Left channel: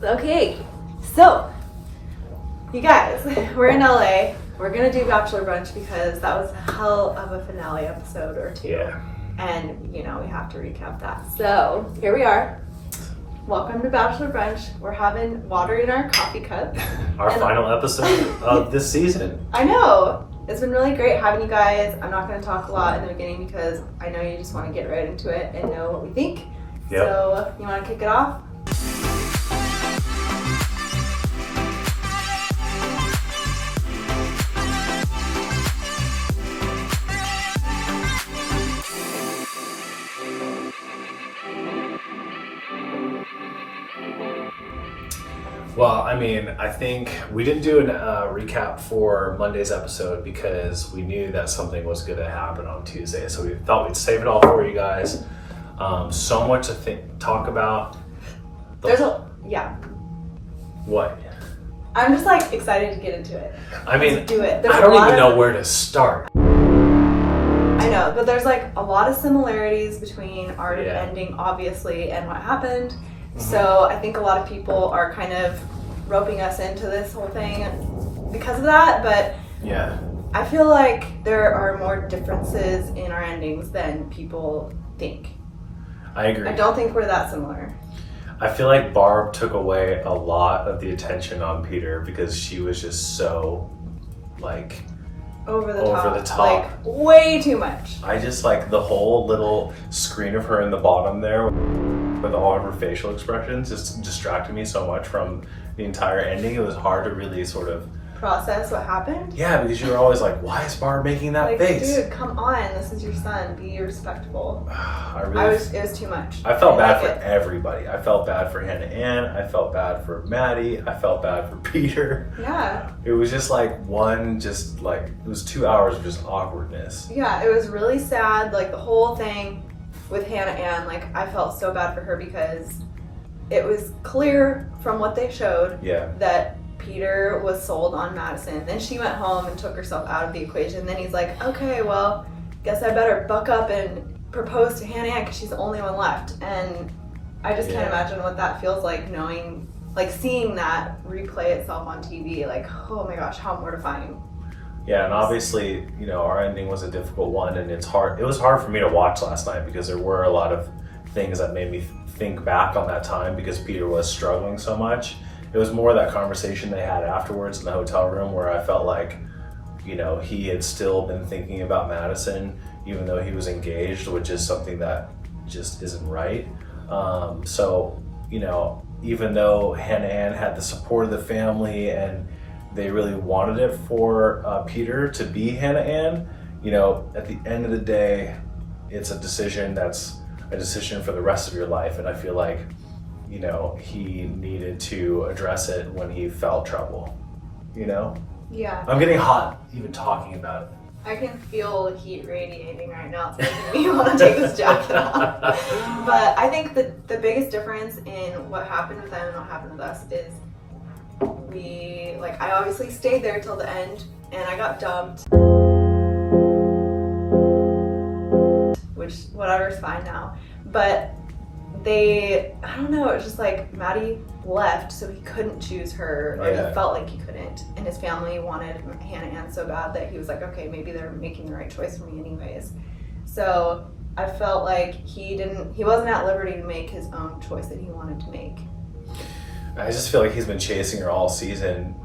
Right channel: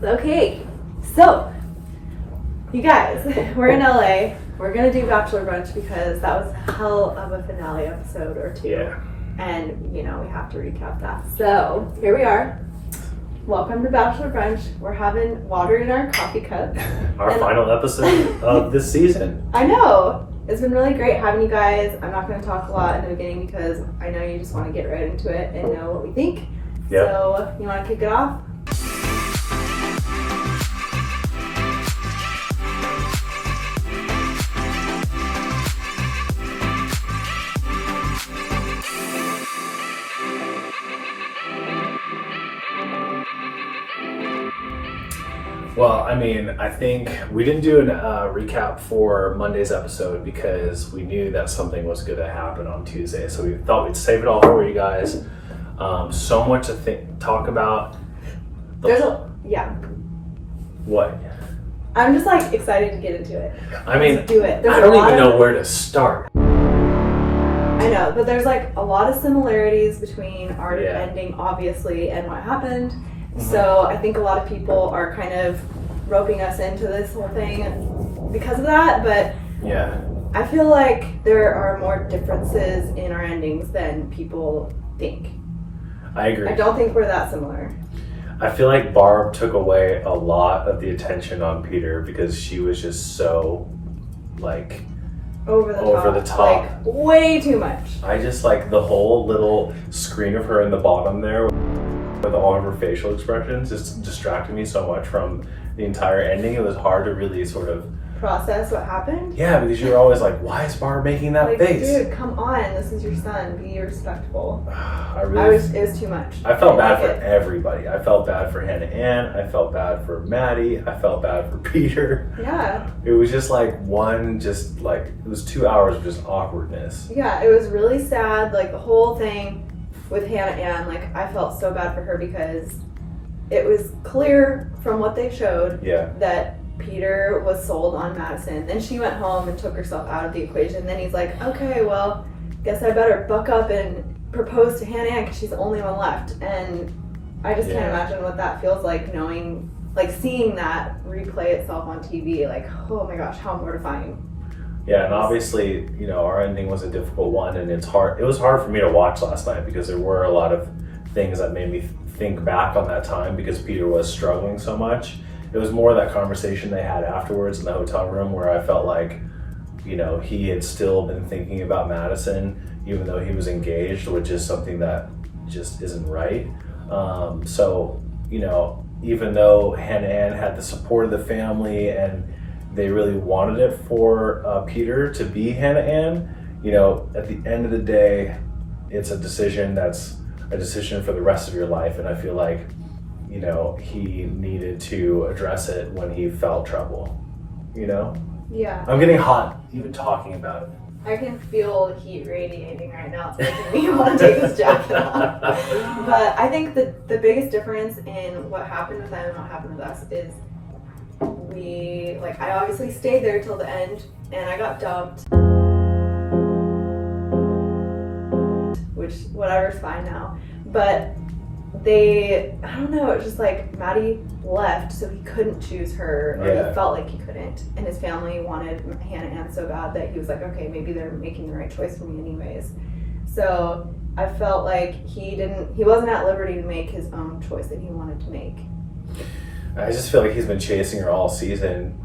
Okay, so you guys, we're in LA. We're gonna do Bachelor Brunch because that was a hell of a finale episode or two. Yeah. And we have to recap that. So here we are. Welcome to Bachelor Brunch. We're having water in our coffee cup. Our final episode of this season. I know. It's been really great having you guys. I'm not going to talk a lot in the beginning because I know you just want to get right into it and know what we think. Yep. So you want to kick it off? Well, I mean, I think we didn't do a recap for Monday's episode because we knew that something was going to happen on Tuesday. So we thought we'd save it all for you guys. So much to talk about. Yeah. What? I'm just like excited to get into it. I mean, Let's do it. I don't even know where to start. I know, but there's like a lot of similarities between our ending, obviously, and what happened. So I think a lot of people are kind of roping us into this whole thing because of that, but yeah, I feel like there are more differences in our endings than people think. I agree. I don't think we're that similar. I feel like Barb took away a lot of the attention on Peter because she was just so like over the top. Like way too much. I just like the whole little screen of her in the bottom there with all of her facial expressions just distracted me so much from the entire ending. It was hard to really sort of process what happened. Yeah, because you're always like, why is Barb making that face? Dude, come on, this is your son. Be respectful. It was too much. I felt bad for everybody. I felt bad for Hannah Ann. I felt bad for Maddie. I felt bad for Peter. Yeah. It was just like it was 2 hours of just awkwardness. Yeah, it was really sad. Like the whole thing with Hannah Ann, like I felt so bad for her because it was clear from what they showed that Peter was sold on Madison. Then she went home and took herself out of the equation. Then he's like, okay, well, guess I better buck up and propose to Hannah Ann because she's the only one left. And I just can't imagine what that feels like knowing, like seeing that replay itself on TV. Like, oh my gosh, how mortifying. Yeah, and obviously, our ending was a difficult one, and it was hard for me to watch last night because there were a lot of things that made me think back on that time because Peter was struggling so much. It was more that conversation they had afterwards in the hotel room where I felt like, he had still been thinking about Madison, even though he was engaged, which is something that just isn't right. So, even though Hannah Ann had the support of the family and they really wanted it for Peter to be Hannah Ann, at the end of the day, it's a decision that's a decision for the rest of your life. And I feel like, he needed to address it when he felt trouble, Yeah. I'm getting hot even talking about it. I can feel heat radiating right now. It's making me want to take this jacket off. But I think the biggest difference in what happened with them and what happened with us is I obviously stayed there till the end and I got dumped. Which, whatever's fine now. But I don't know, it's just like Maddie left so he couldn't choose her, or he felt like he couldn't, and his family wanted Hannah Ann so bad that he was like, okay, maybe they're making the right choice for me anyways. So I felt like he wasn't at liberty to make his own choice that he wanted to make. I just feel like he's been chasing her all season,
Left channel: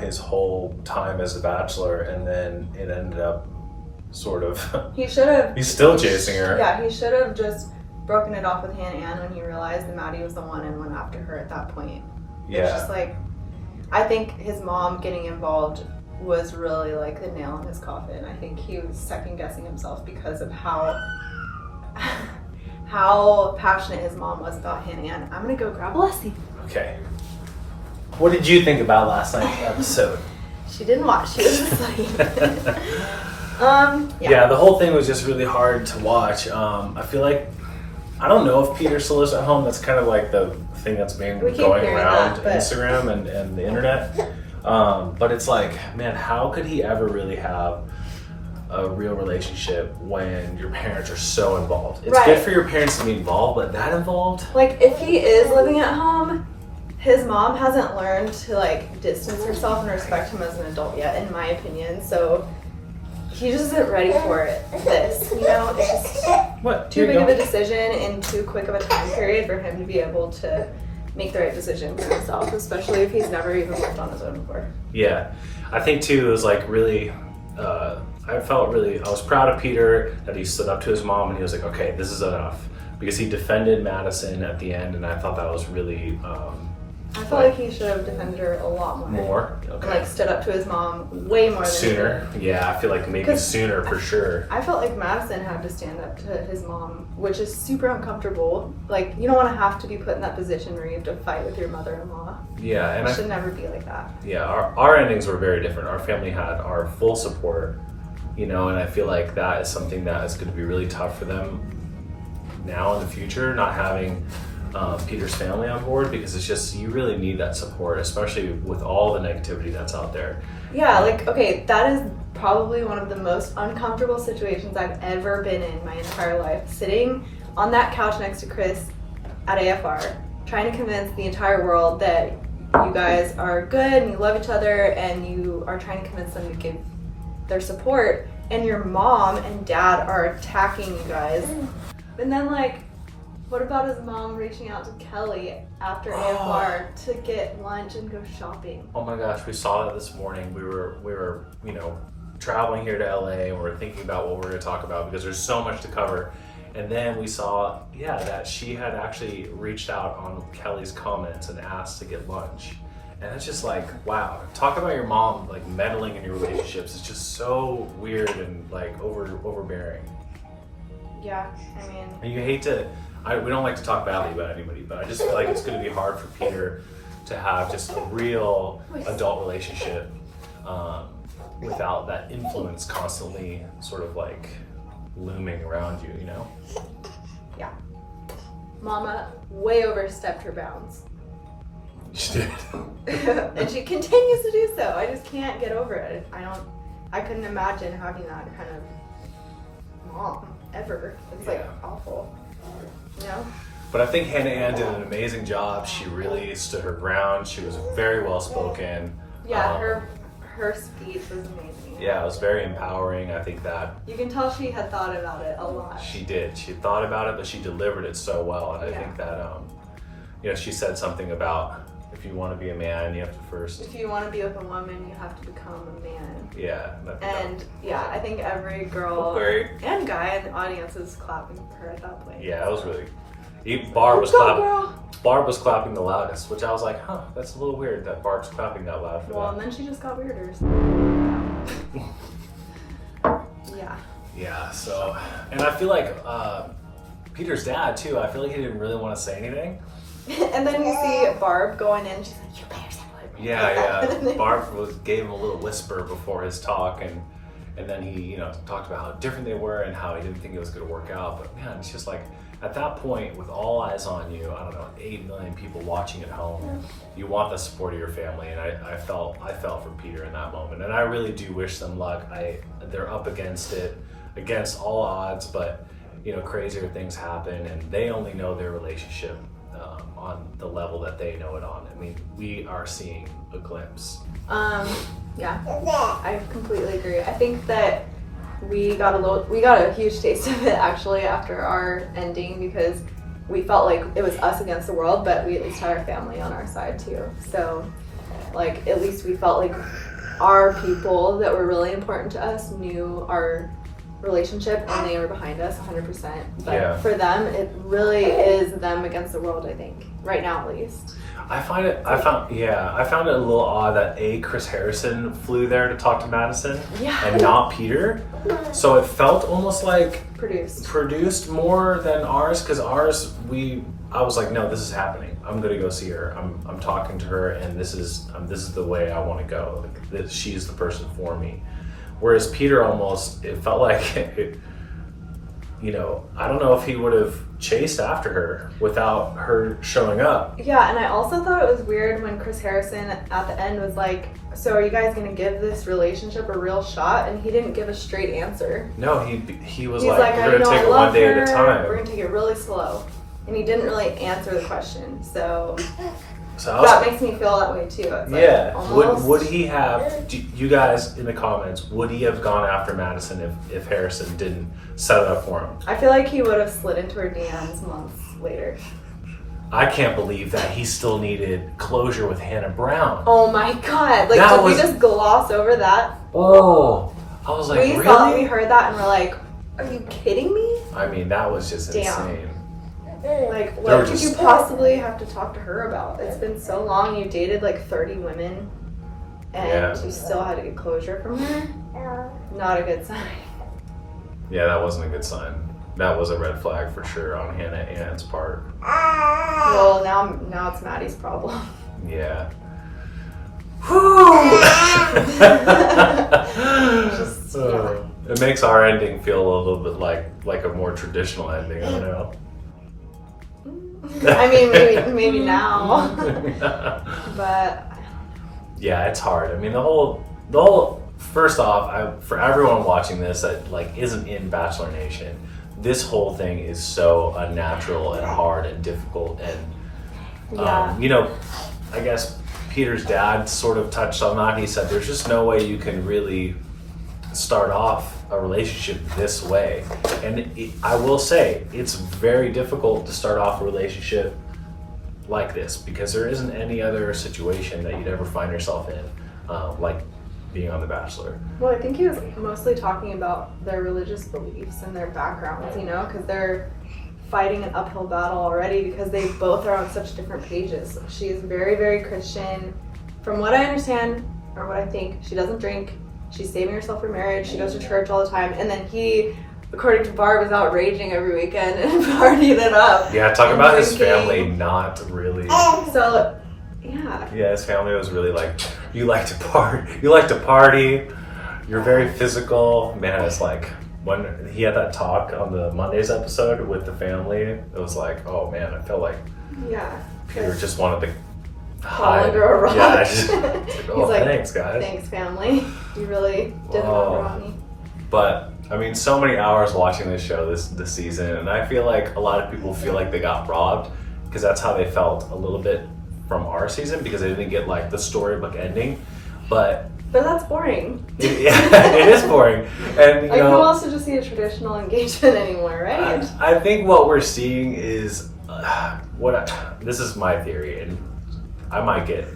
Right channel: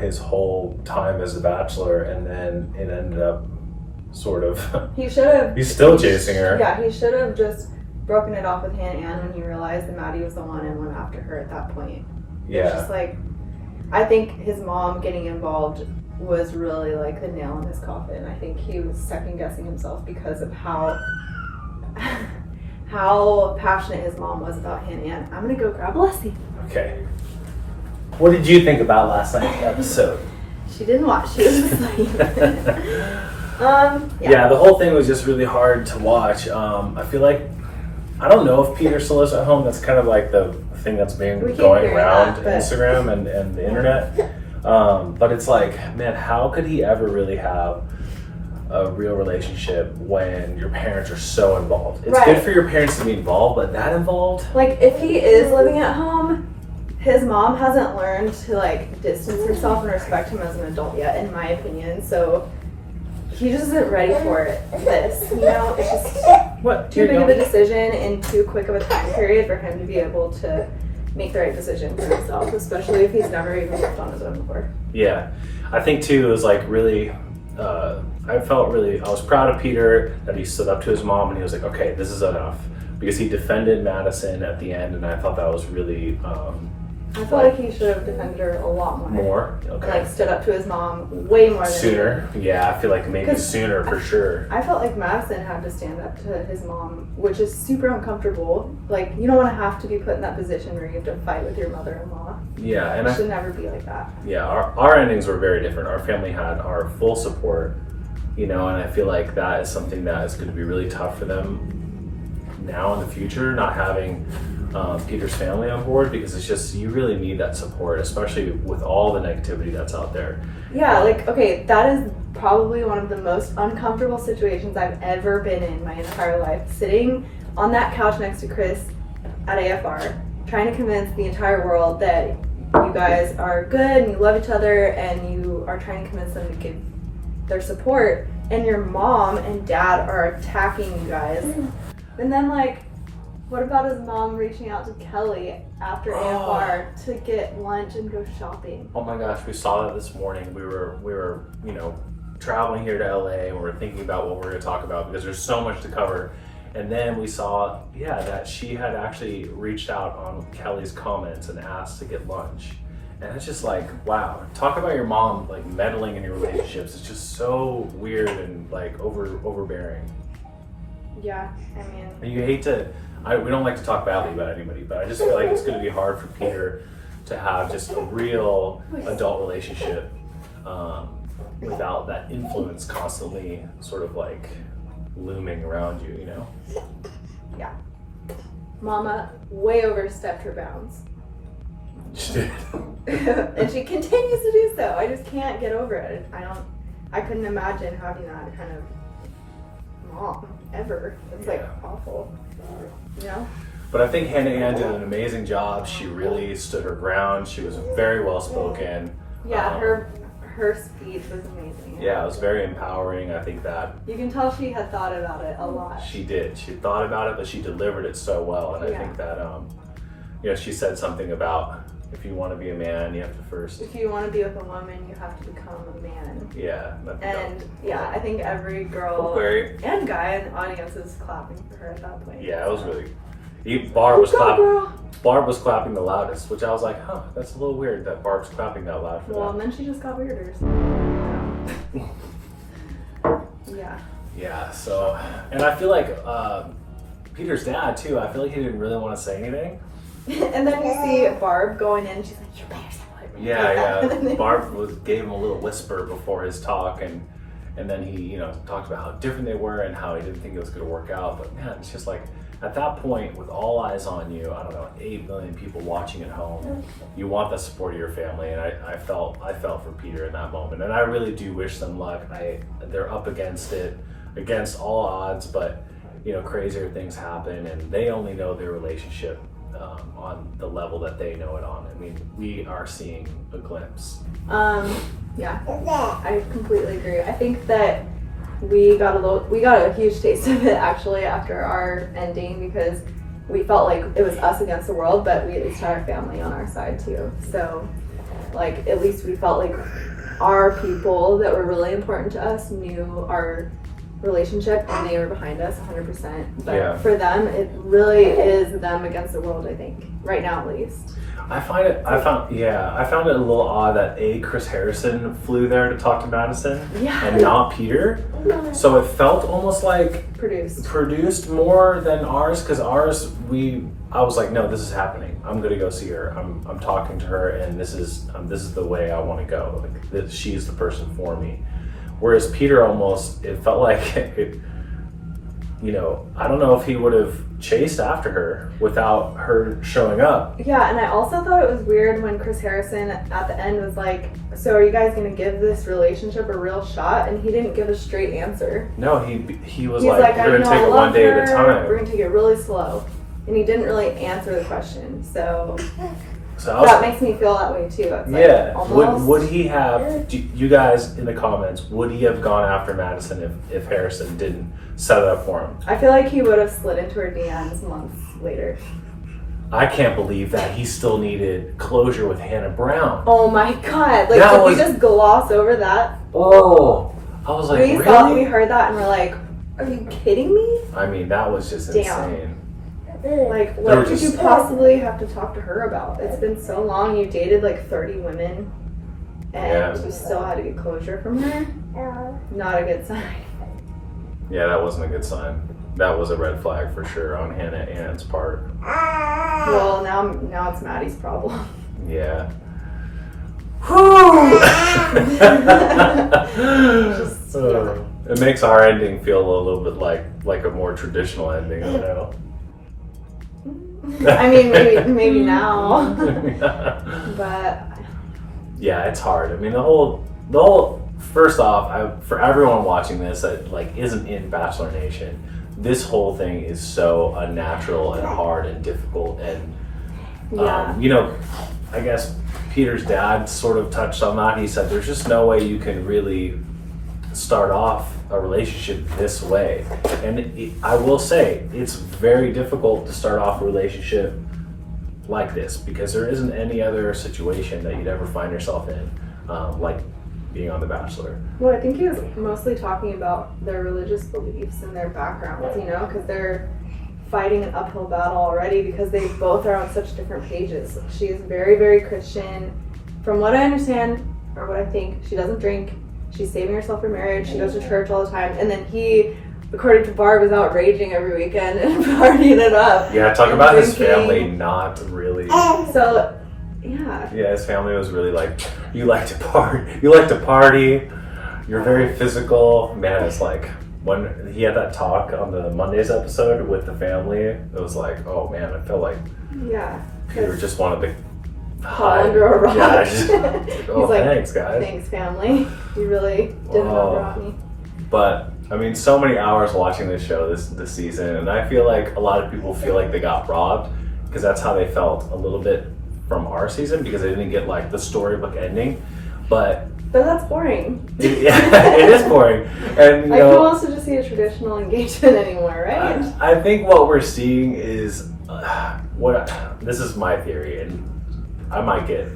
his whole time as a Bachelor, and then it ended up sort of he's still chasing her. Yeah, he should have just broken it off with Hannah Ann when he realized that Maddie was the one and went after her at that point. Yeah. It's just like, I think his mom getting involved was really like the nail in his coffin. I think he was second guessing himself because of how passionate his mom was about Hannah Ann. I'm gonna go grab Leslie. Okay. What did you think about last night's episode? She didn't watch. She was asleep. Yeah, the whole thing was just really hard to watch. I feel like, I don't know if Peter still is at home. That's kind of like the thing that's been going around Instagram and the internet. But it's like, man, how could he ever really have a real relationship when your parents are so involved? It's good for your parents to be involved, but that involved? Like, if he is living at home, his mom hasn't learned to like distance herself and respect him as an adult yet, in my opinion. So he just isn't ready for it. It's just too big of a decision in too quick of a time period for him to be able to make the right decision for himself, especially if he's never even lived on his own before. Yeah, I think too, it was like really, I was proud of Peter that he stood up to his mom and he was like, okay, this is enough. Because he defended Madison at the end, and I thought that was really, I felt like he should have defended her a lot more. More? Okay. Like stood up to his mom way more than sooner. Yeah, I feel like maybe sooner for sure. I felt like Madison had to stand up to his mom, which is super uncomfortable. Like, you don't want to have to be put in that position where you have to fight with your mother-in-law. Yeah, and it should never be like that. Yeah, our endings were very different. Our family had our full support, and I feel like that is something that is going to be really tough for them now in the future, not having Peter's family on board, because it's just, you really need that support, especially with all the negativity that's out there. Yeah, like, okay, that is probably one of the most uncomfortable situations I've ever been in my entire life. Sitting on that couch next to Chris at AFR, trying to convince the entire world that you guys are good and you love each other, and you are trying to convince them to give their support, and your mom and dad are attacking you guys. And then, like, what about his mom reaching out to Kelly after AFR to get lunch and go shopping? Oh my gosh, we saw that this morning. We were traveling here to LA, and we were thinking about what we're going to talk about because there's so much to cover. And then we saw, that she had actually reached out on Kelly's comments and asked to get lunch. And it's just like, wow, talk about your mom like meddling in your relationships. It's just so weird and like overbearing. Yeah, I mean, and you hate to. We don't like to talk badly about anybody, but I just feel like it's going to be hard for Peter to have just a real adult relationship without that influence constantly sort of like looming around you, Yeah. Mama way overstepped her bounds. She did. And she continues to do so. I just can't get over it. I couldn't imagine having that kind of mom ever. It's like awful. But I think Hannah Ann did an amazing job. She really stood her ground. She was very well spoken. Yeah, her speech was amazing. Yeah, it was very empowering. I think that you can tell she had thought about it a lot. She did. She thought about it, but she delivered it so well. And I think that she said something about, if you want to be a man, you have to first. If you want to be with a woman, you have to become a man. Yeah. I think every girl and guy in the audience is clapping for her at that point. Yeah, it was really. Barb was clapping. Girl. Barb was clapping the loudest, which I was like, that's a little weird that Barb's clapping that loud for that. And then she just got weirder. Yeah. Yeah. So, and I feel like Peter's dad too. I feel like he didn't really want to say anything. And then you see Barb going in, she's like, you better say what. Yeah. Barb gave him a little whisper before his talk, and then he, talked about how different they were and how he didn't think it was going to work out. But man, it's just like, at that point, with all eyes on you, I don't know, 8 million people watching at home, you want the support of your family, and I felt for Peter in that moment, and I really do wish them luck. They're up against it, against all odds, but crazier things happen, and they only know their relationship on the level that they know it on. I mean, we are seeing a glimpse. Yeah, I completely agree. I think that we got a huge taste of it actually after our ending, because we felt like it was us against the world, but we at least had our family on our side too. So like, at least we felt like our people that were really important to us knew our relationship and they were behind us 100%. But for them, it really is them against the world, I think, right now at least. I found it a little odd that Chris Harrison flew there to talk to Madison and not Peter. So it felt almost like produced more than ours, because ours, I was like, no, this is happening. I'm gonna go see her. I'm talking to her, and this is the way I want to go. Like, she's the person for me. Whereas Peter it felt like I don't know if he would have chased after her without her showing up. Yeah, and I also thought it was weird when Chris Harrison at the end was like, so are you guys going to give this relationship a real shot? And he didn't give a straight answer. No, he was like, we're going to take it one day at a time. We're going to take it really slow. And he didn't really answer the question, so So that makes me feel that way too. It's yeah. like Would he have? You guys in the comments, would he have gone after Madison if Harrison didn't set it up for him? I feel like he would have slid into her DMs months later. I can't believe that he still needed closure with Hannah Brown. Oh my god! Like, did we just gloss over that? Oh, I was like, really? We heard that and we're like, are you kidding me? I mean, that was just insane. Like, what could you possibly have to talk to her about? It's been so long. You dated like 30 women, and you still had to get closure from her. Not a good sign. Yeah, that wasn't a good sign. That was a red flag for sure on Hannah and Ann's part. Well, now it's Maddie's problem. Yeah. Whew! It makes our ending feel a little bit like a more traditional ending. I don't know. I mean, maybe now, but yeah, it's hard. I mean, the whole. First off, for everyone watching this that like isn't in Bachelor Nation, this whole thing is so unnatural and hard and difficult. And you know, I guess Peter's dad sort of touched on that. He said there's just no way you can really start off a relationship this way. And I will say it's very difficult to start off a relationship like this because there isn't any other situation that you'd ever find yourself in, like being on The Bachelor. Well, I think he was mostly talking about their religious beliefs and their backgrounds, you know, because they're fighting an uphill battle already because they both are on such different pages. She's very, very Christian. From what I understand, or what I think, she doesn't drink. She's saving herself for marriage. She goes to church all the time. And then he, according to Barb, is out raging every weekend and partying it up. Yeah, talk about drinking. His family not really. So, yeah. Yeah, his family was really like, you like to party, you're very physical. Man, it's like, when he had that talk on the Monday's episode with the family, it was like, oh man, I feel like Peter just wanted to fall under a rock. Yeah, like, oh, like, thanks guys. Thanks family. You really did rock me. But I mean, so many hours watching this show this season, and I feel like a lot of people feel like they got robbed because that's how they felt a little bit from our season because they didn't get like the storybook ending. But that's boring. It is boring. And who wants to just see a traditional engagement anymore, right? I think what we're seeing is this is my theory, and I might get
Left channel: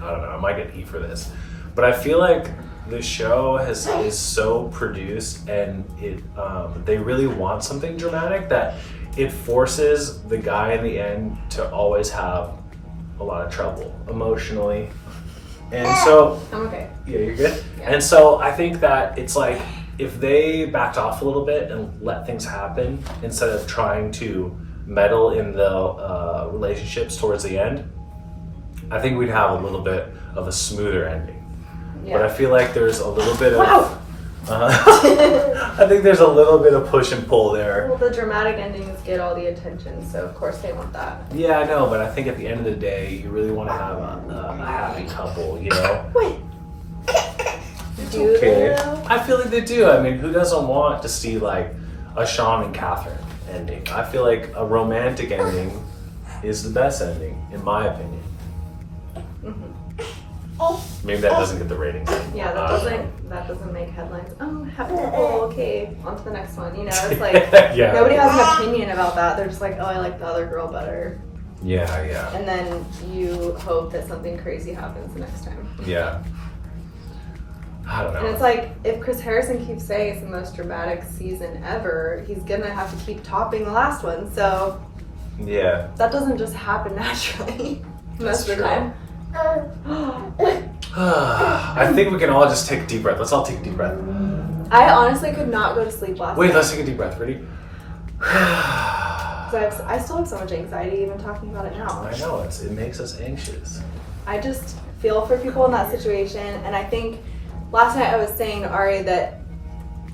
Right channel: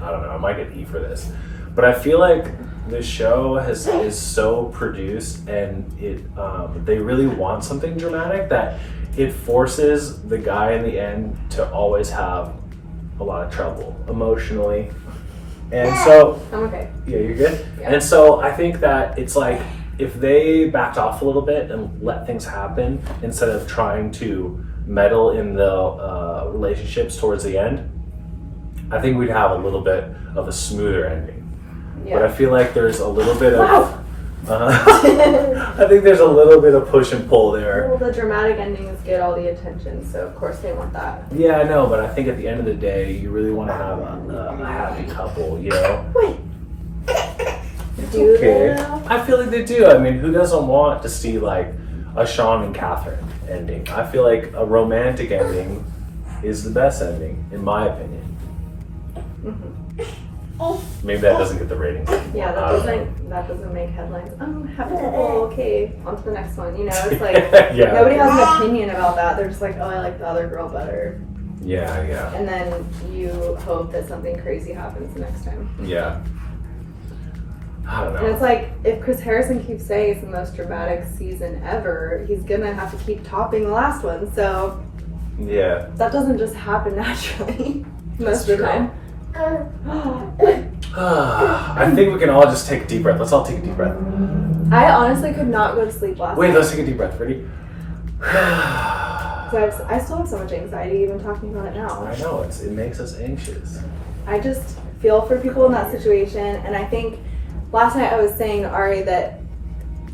heat for this, but I feel like the show is so produced and they really want something dramatic that it forces the guy in the end to always have a lot of trouble emotionally. And so okay. Yeah, you're good. Yeah. And so I think that it's like if they backed off a little bit and let things happen instead of trying to meddle in the relationships towards the end, I think we'd have a little bit of a smoother ending. Yeah. But I feel like there's a little bit of I think there's a little bit of push and pull there. Well, the dramatic endings get all the attention, so of course they want that. Yeah, I know, but I think at the end of the day, you really want to have a happy couple, you know? Wait. Do they though? I feel like they do. I mean, who doesn't want to see like a Sean and Catherine ending? I feel like a romantic ending is the best ending, in my opinion. Mm-hmm. Maybe that doesn't get the ratings. Yeah, that doesn't make headlines. Happy couple, okay, on to the next one. You know, it's like nobody has an opinion about that. They're just like, oh, I like the other girl better. Yeah. And then you hope that something crazy happens the next time. Yeah. I don't know. And it's like, if Chris Harrison keeps saying it's the most dramatic season ever, he's gonna have to keep topping the last one. So yeah, that doesn't just happen naturally most of the time. I think we can all just take a deep breath. Let's all take a deep breath. I honestly could not go to sleep last night. Wait, let's take a deep breath. Ready? I still have so much anxiety even talking about it now. I know, it makes us anxious. I just feel for people in that situation, and I think last night I was saying to Arie that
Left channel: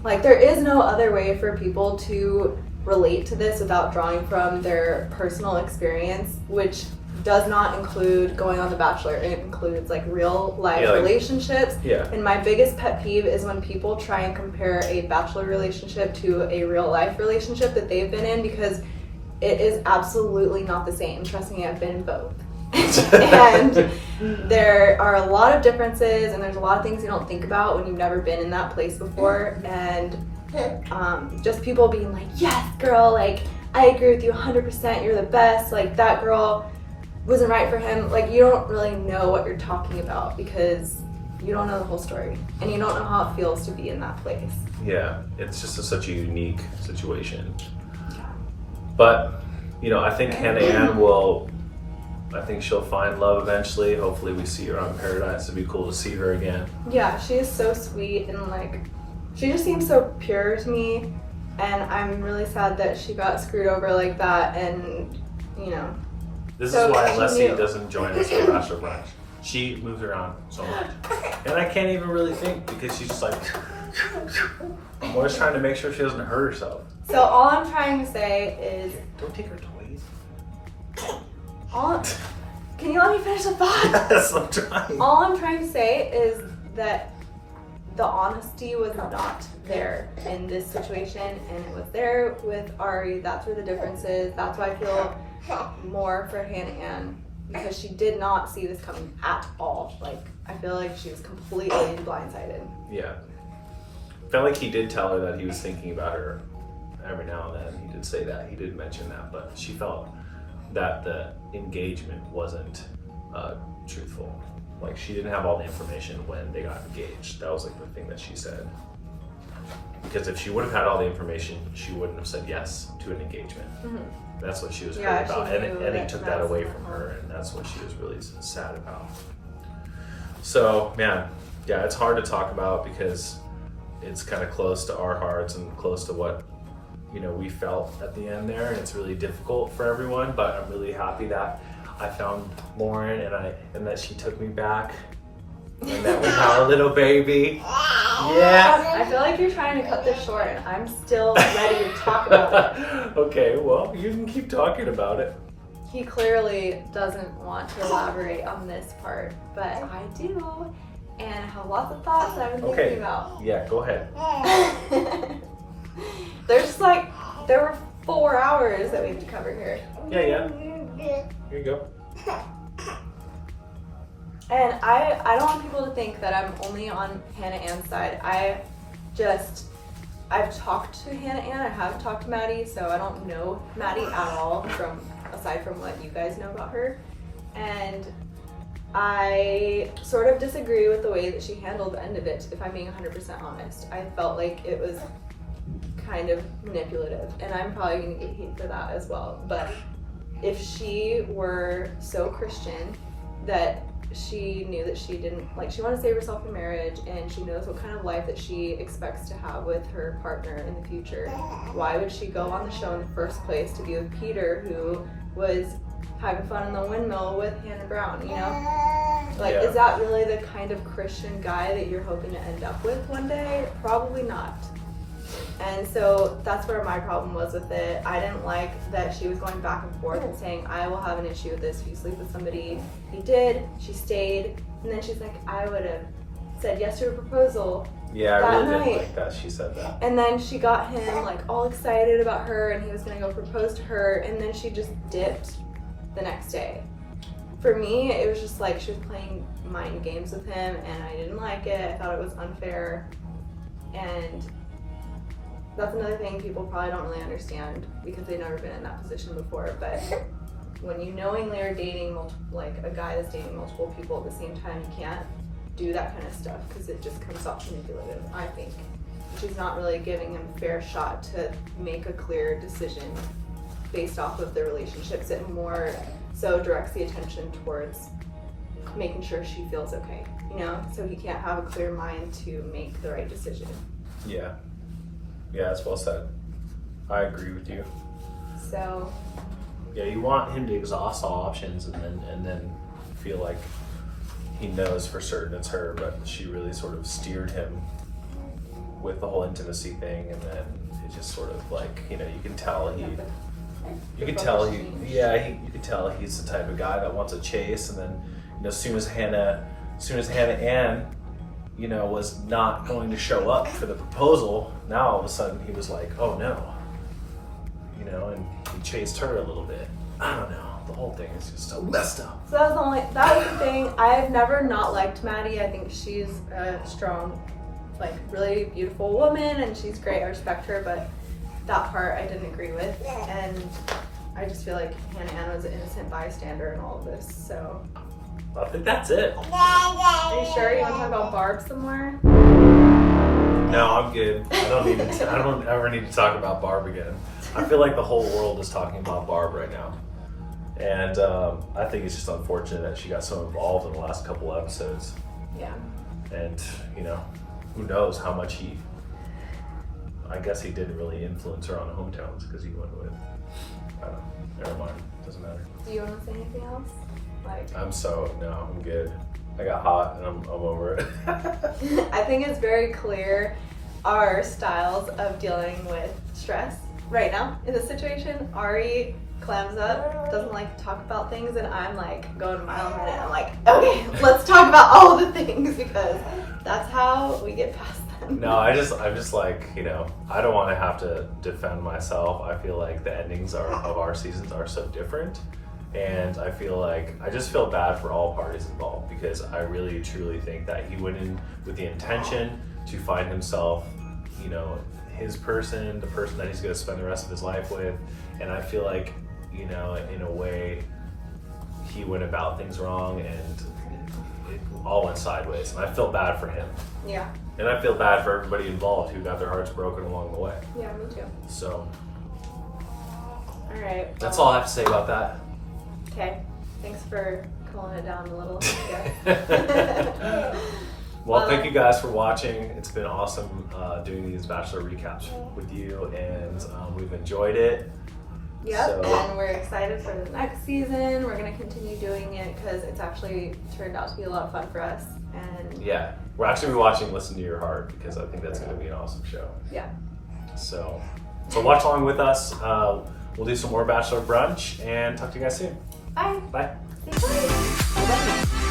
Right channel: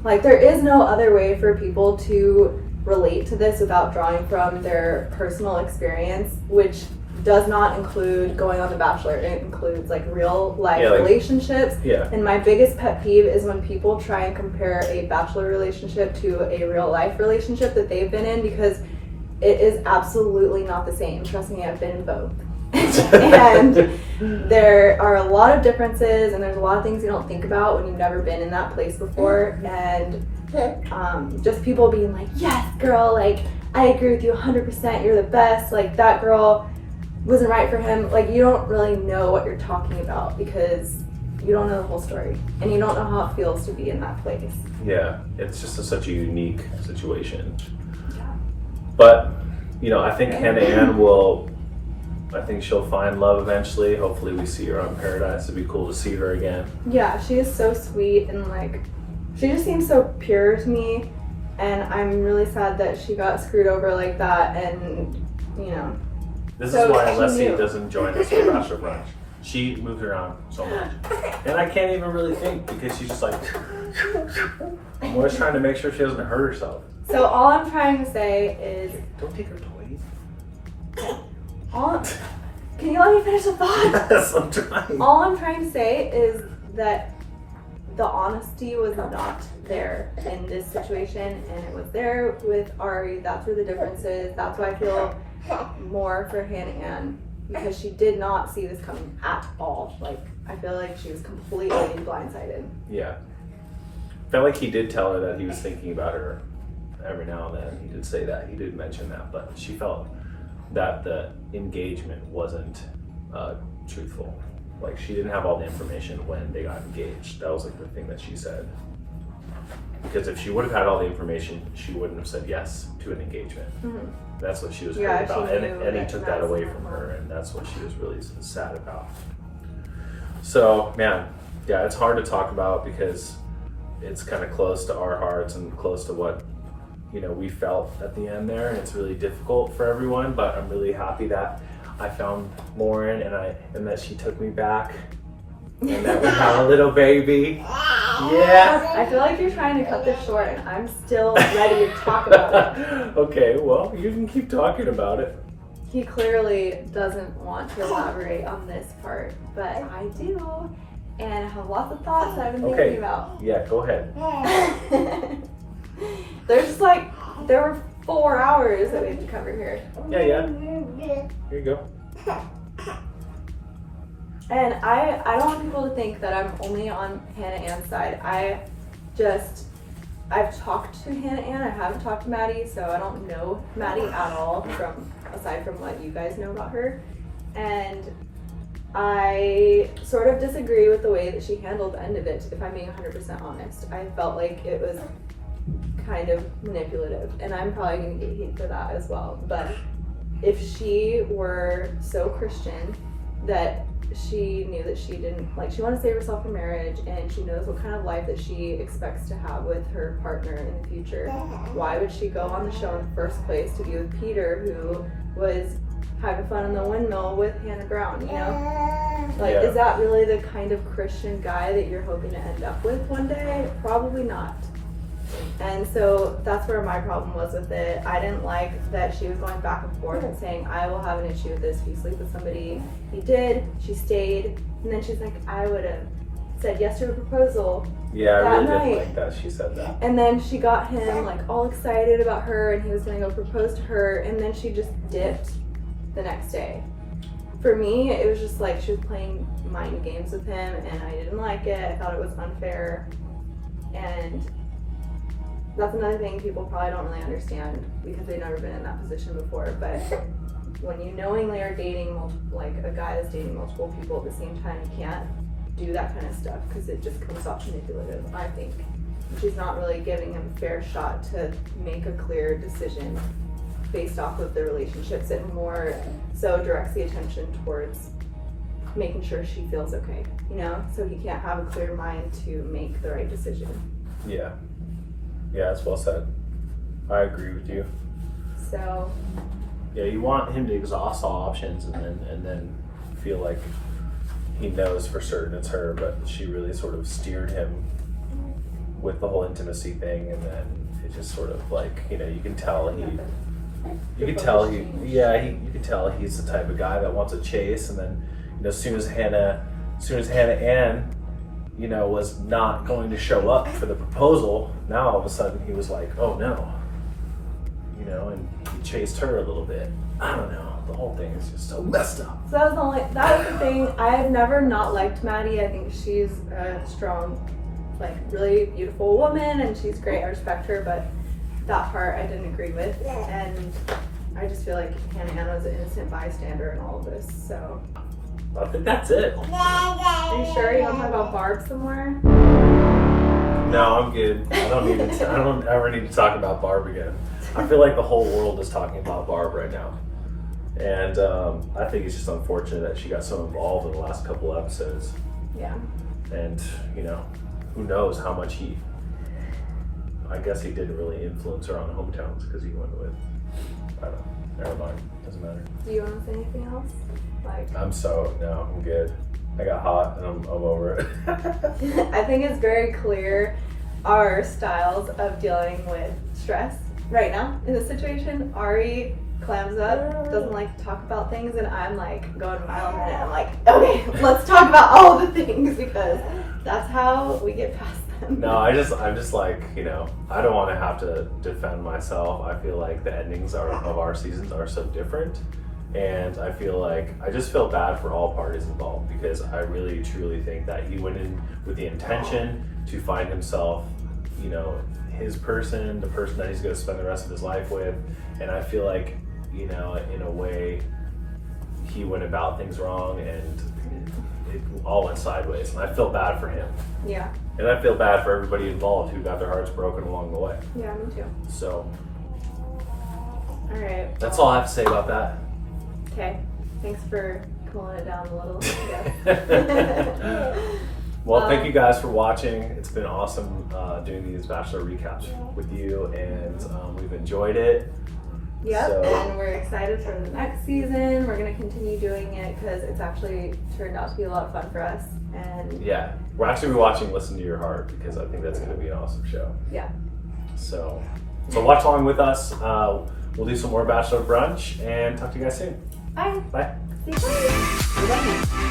like there is no other way for people to relate to this without drawing from their personal experience, which does not include going on The Bachelor. It includes like real life relationships. Yeah. And my biggest pet peeve is when people try and compare a Bachelor relationship to a real life relationship that they've been in, because it is absolutely not the same. Trust me, I've been in both. And there are a lot of differences, and there's a lot of things you don't think about when you've never been in that place before. And just people being like, yes, girl, like, I agree with you 100%, you're the best, like, that girl wasn't right for him. Like, you don't really know what you're talking about because you don't know the whole story, and you don't know how it feels to be in that place. Yeah, it's just such a unique situation. Yeah. But, you know, I think Hannah Ann I think she'll find love eventually. Hopefully we see her on Paradise. It'd be cool to see her again. Yeah, she is so sweet, and like, she just seems so pure to me, and I'm really sad that she got screwed over like that, and, you know. This is why Leslie doesn't join us for Bachelor Brunch. She moves around so much. And I can't even really think because she's just like, I'm always trying to make sure she doesn't hurt herself. So all I'm trying to say is, don't take her toys. Can you let me finish the thought? Yes, I'm trying. All I'm trying to say is that the honesty was not there in this situation, and it was there with Arie. That's where the difference is. That's why I feel more for Hannah Ann, because she did not see this coming at all. Like, I feel like she was completely blindsided. Yeah. I felt like he did tell her that he was thinking about her every now and then. He did say that. He did mention that, but she felt that the engagement wasn't truthful. Like, she didn't have all the information when they got engaged. That was like the thing that she said. Because if she would have had all the information, she wouldn't have said yes to an engagement. Mm-hmm. That's what she was hurt about. And he took that away from her, and that's what she was really sad about. So, man, yeah, it's hard to talk about because it's kind of close to our hearts and close to what, you know, we felt at the end there, and it's really difficult for everyone, but I'm really happy that I found Lauren and that she took me back and that we have a little baby. Yeah. I feel like you're trying to cut this short, and I'm still ready to talk about it. Okay, well, you can keep talking about it. He clearly doesn't want to elaborate on this part, but I do, and I have lots of thoughts that I've been thinking about. Yeah, go ahead. There were 4 hours that we had to cover here. Yeah. Here you go. And I don't want people to think that I'm only on Hannah Ann's side. I've talked to Hannah Ann, I haven't talked to Maddie, so I don't know Maddie at all aside from what you guys know about her. And I sort of disagree with the way that she handled the end of it, if I'm being 100% honest. I felt like it was kind of manipulative, and I'm probably going to get hate for that as well. But if she were so Christian that she knew that she didn't, like, she wanted to save herself from marriage, and she knows what kind of life that she expects to have with her partner in the future, why would she go on the show in the first place to be with Peter, who was having fun in the windmill with Hannah Brown, you know? Like, is that really the kind of Christian guy that you're hoping to end up with one day? Probably not. And so that's where my problem was with it. I didn't like that she was going back and forth and saying, I will have an issue with this if you sleep with somebody. He did, she stayed, and then she's like, I would have said yes to her proposal. Yeah, I really didn't like that she said that. And then she got him like all excited about her, and he was gonna go propose to her, and then she just dipped the next day. For me, it was just like she was playing mind games with him, and I didn't like it. I thought it was unfair, and that's another thing people probably don't really understand because they've never been in that position before. But when you knowingly are dating like a guy that's dating multiple people at the same time, you can't do that kind of stuff because it just comes off manipulative, I think. She's not really giving him a fair shot to make a clear decision based off of the relationships, and more so directs the attention towards making sure she feels okay, you know? So he can't have a clear mind to make the right decision. Yeah. Yeah, that's well said. I agree with you. So. Yeah, you want him to exhaust all options and then feel like he knows for certain it's her, but she really sort of steered him with the whole intimacy thing, and then it just sort of like, you know, you can tell he's the type of guy that wants a chase, and then, you know, as soon as Hannah Ann, you know, was not going to show up for the proposal, now all of a sudden he was like, oh no, you know, and he chased her a little bit. I don't know. the whole thing is just so messed up. So that was the thing. I have never not liked Maddie. I think she's a strong, like really beautiful woman, and she's great. I respect her, but that part I didn't agree with, and I just feel like Hannah Ann was an innocent bystander in all of this. So I think that's it. are you sure you want to talk about Barb some more? No, I'm good. I don't ever need to talk about Barb again. I feel like the whole world is talking about Barb right now. And I think it's just unfortunate that she got so involved in the last couple episodes. Yeah. And, who knows how much I guess he didn't really influence her on the hometowns because he went with, I don't know, never mind, doesn't matter. Do you want to say anything else? I'm good. I got hot and I'm over it. I think it's very clear our styles of dealing with stress right now in this situation. Arie clams up, doesn't like to talk about things, and I'm like going a mile a minute. I'm like, okay, let's talk about all the things because that's how we get past them. No, I'm just like, I don't want to have to defend myself. I feel like the endings of our seasons are so different. And I feel like, I just feel bad for all parties involved because I really truly think that he went in with the intention to find himself, his person, the person that he's going to spend the rest of his life with. And I feel like, in a way, he went about things wrong and it all went sideways. And I feel bad for him. Yeah. And I feel bad for everybody involved who got their hearts broken along the way. Yeah, me too. So. All right. That's all I have to say about that. Okay, thanks for cooling it down a little. Well, thank you guys for watching. It's been awesome doing these Bachelor recaps with you, and we've enjoyed it. Yep, and we're excited for the next season. We're going to continue doing it because it's actually turned out to be a lot of fun for us. And yeah, we're actually watching Listen to Your Heart because I think that's going to be an awesome show. Yeah. So watch along with us. We'll do some more Bachelor Brunch and talk to you guys soon. Bye. Bye. Bye.